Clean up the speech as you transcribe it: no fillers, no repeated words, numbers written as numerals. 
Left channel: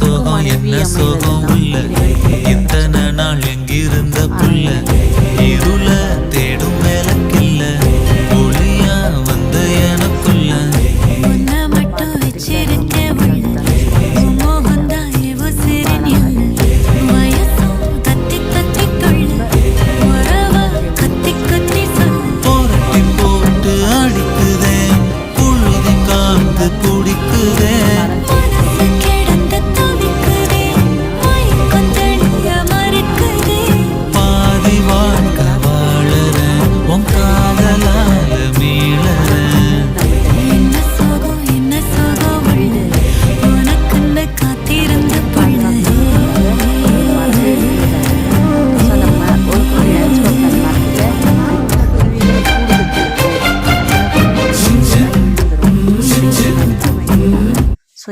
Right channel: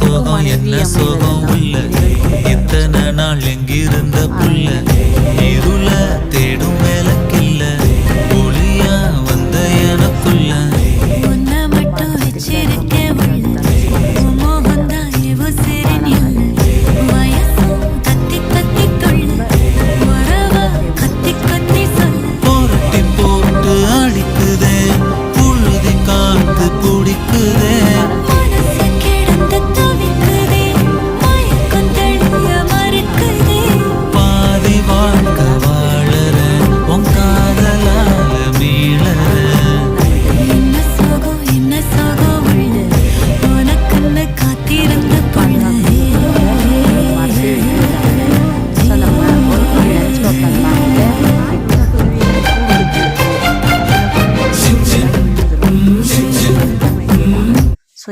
சோகம் என்ன சோகம் உள்ள இத்தனை நாள் எங்கிருந்த புள்ள இருள தேடும் வேலைக்கில்ல ஒளியா வந்த எனக்குள்ள உன்னை மட்டும் வச்சிருக்க உள்ள மோகந்தான் சிறினில் வயசும் தத்தி தத்தி தொள்ள உறவ கத்தி கத்தி சொல்ல போரட்டி போட்டு அடிக்குதே புழுதி காத்து பிடிக்குதே மனசு கிடந்து தவிக்குதே மயக்கம் தெளிய மறுக்குதே பாதி வாழ்க்கை வாழற உன் காதலால மீளற